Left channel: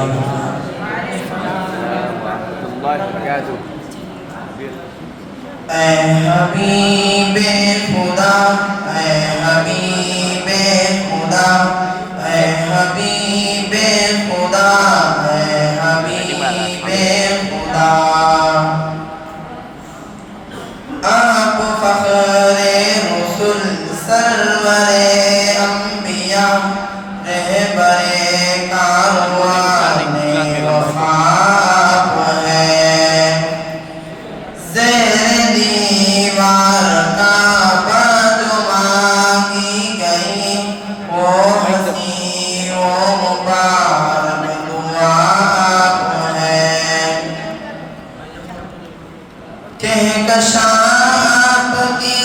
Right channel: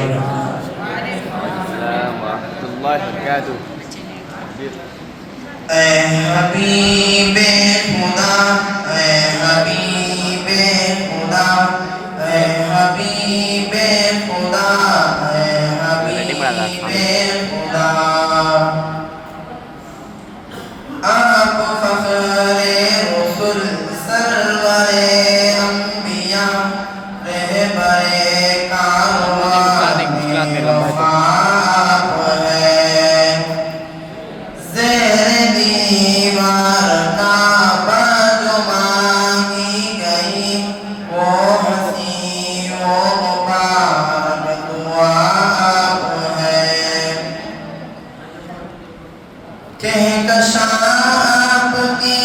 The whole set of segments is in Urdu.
اے حبیب خدا، اے حبیب خدا، اے حبیب خدا، اے حبیب خدا، آپ فخر رسل سرور انبیاء رہبر کاروان وفا آپ ہیں، زیر دیوار کعبہ جو مانگی گئی وہ حسین و مبارک دعا آپ ہیں، کہکشاں آپ کی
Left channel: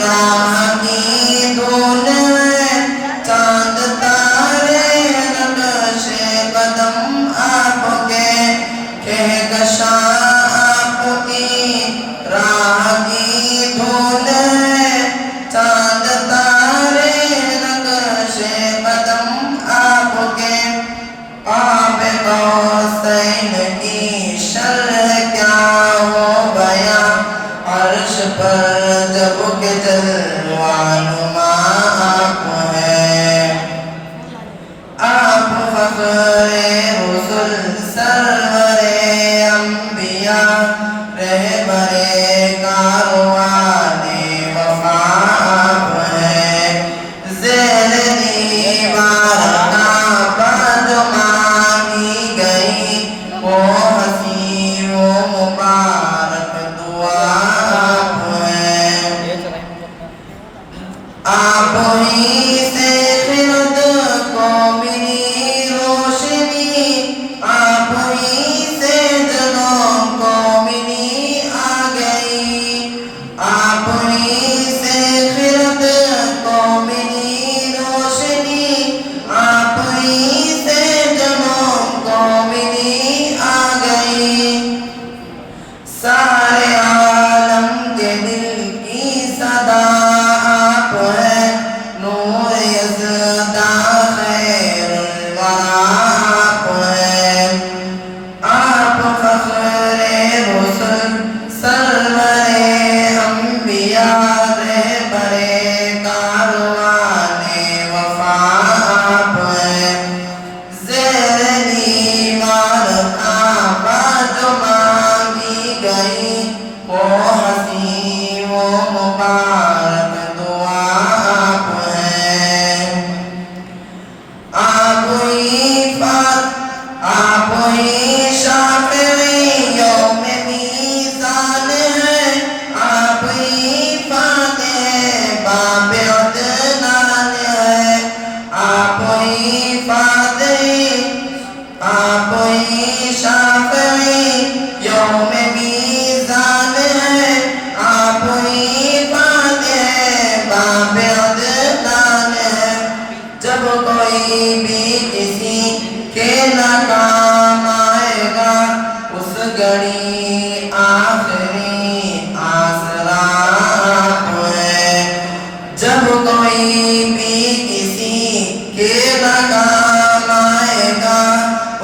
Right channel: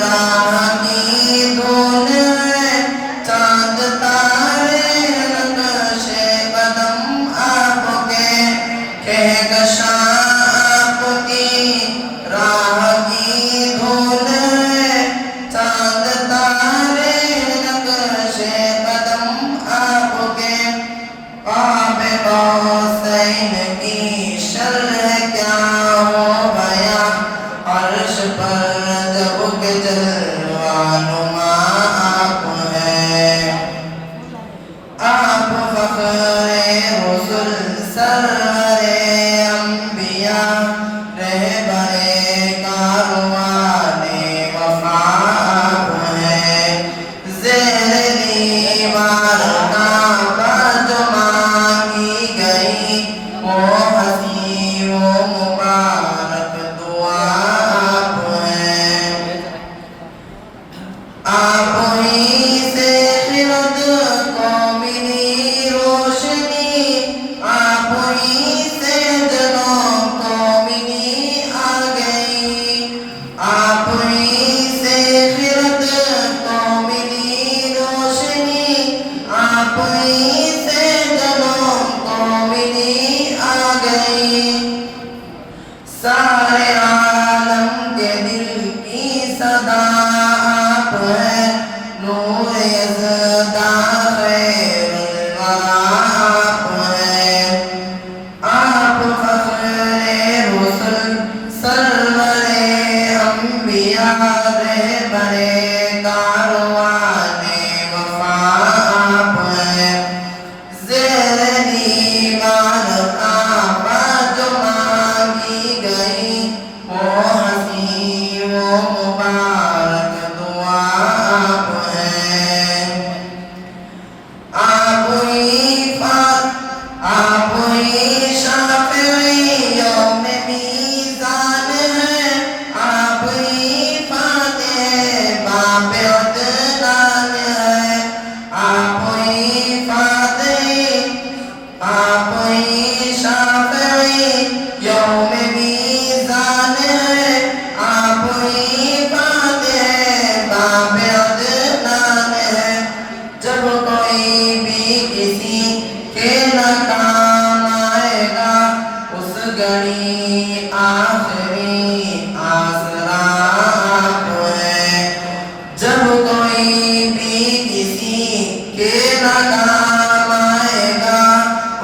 راہ کی دھول ہے، چاند تارے نقش قدم آپ کے، کہکشاں آپ کی راہ کی دھول ہے، چاند تارے نقش قدم آپ کے، قاب قوسین کی شرح کیا ہو بیاں، عرش پر جب کہ جلوہ نما آپ ہیں، آپ فخر رسل سرور انبیاء رہبر کاروان وفا آپ ہیں، زیر دیوار کعبہ جو مانگی گئی وہ حسین و مبارک دعا آپ ہیں، آپ ہی سے خرد کو ملی روشنی، آپ ہی سے جنوں کو ملی آ گئی، آپ ہی سے خرد کو ملی روشنی، آپ ہی سے جنوں کو ملی آ گئی، سارے عالم کے دل کی صدا آپ ہیں، نور یزداں خیر الورا آپ ہیں، آپ فخر رسل سرور انبیاء رہبر کاروان وفا آپ ہیں، زیر دیوار کعبہ جو مانگی گئی وہ حسین و مبارک دعا آپ ہیں، آپ ہی شافعی یوم میزان ہیں، آپ ہی فاتح باب عدنان ہیں، آپ ہی فاتح، آپ ہی شافعی یوم میزان ہیں، آپ ہی فاتح باب عدنان ہیں، جب کوئی بھی کسی کے نہ کام آئے گا اس گھڑی آخری آسرا آپ ہیں، جب کوئی بھی کسی کے نہ کام آئے گا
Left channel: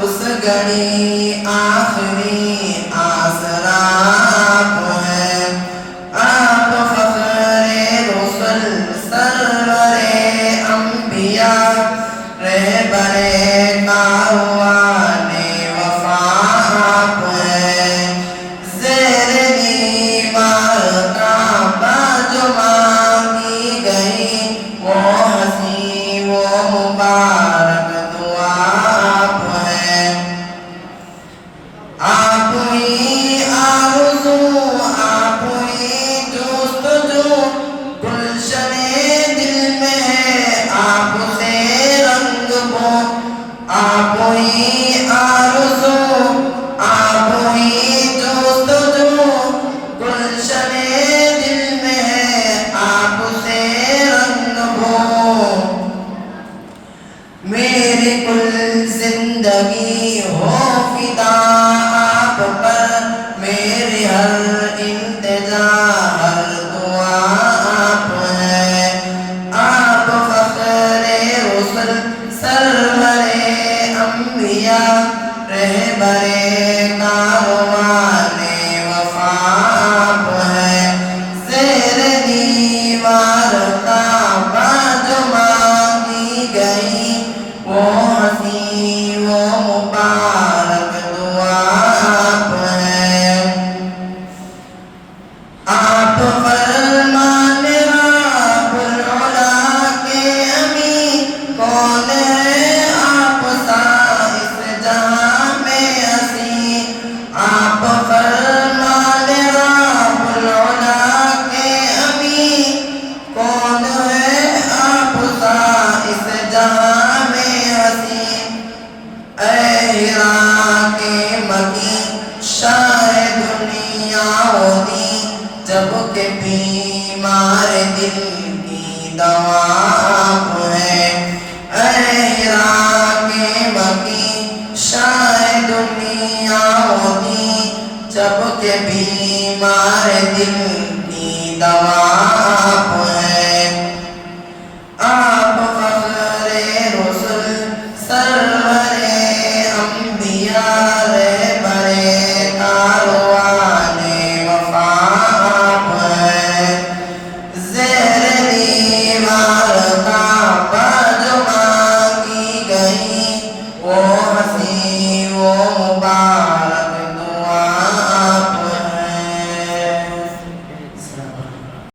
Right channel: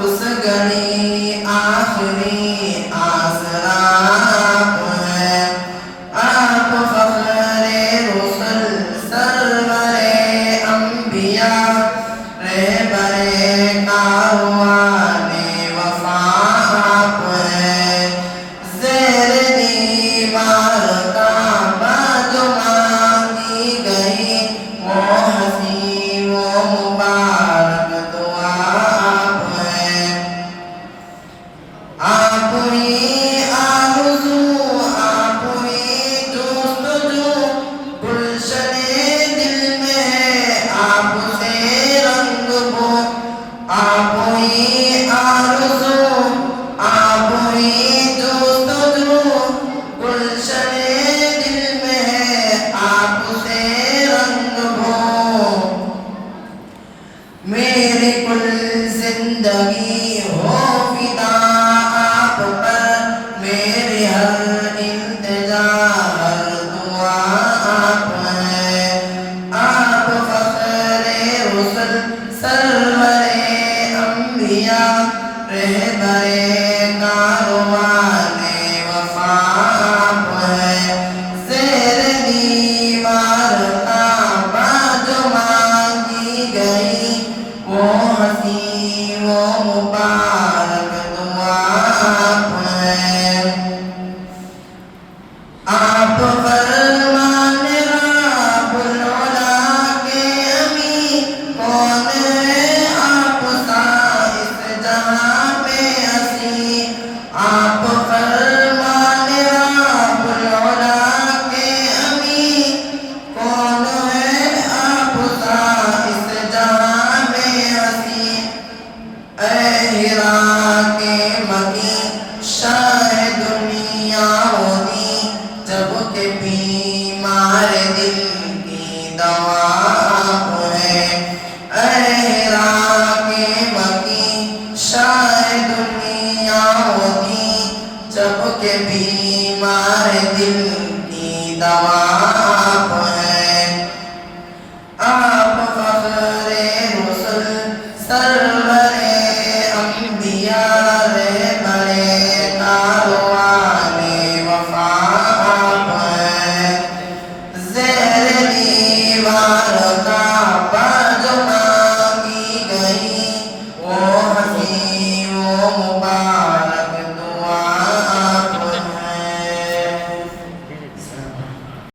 اس گھڑی آخری آسرا آپ ہیں، آپ فخر رسل سرور انبیاء رہبر کاروان وفا آپ ہیں، زیر دیوار کعبہ جو مانگی گئی وہ حسین و مبارک دعا آپ ہیں، آپ ہی آرزو، آپ ہی جستجو، گلشن دل میں ہے آپ سے رنگ بو، آپ ہی آرزو، آپ ہی جستجو، گلشن دل میں ہے آپ سے رنگ بو، میری کل زندگی ہو فدا آپ پر، میری ہر التجا ہر دعا آپ ہیں، آپ فخر رسل سرور انبیاء رہبرے کاروانے وفا آپ ہے، زیر دیوار کعبہ جو مانگی گئی، وہ حسین وہ مبارک دعا آپ ہے۔ آپ فرمان رب العلا کے امین، کون ہے آپ سا اس جہاں میں حسین۔ آپ فرمان رب العلا کے امین، کون ہے آپ سا اس جہاں میں حسین۔ اے ہرا کے مکین شاہ دنیا و دین، جب کہ بیمار دل کی دوا آپ ہے۔ اے ہرا کے مکین شاہ دنیا و دین، جب کہ بیمار دل کی دوا آپ ہے۔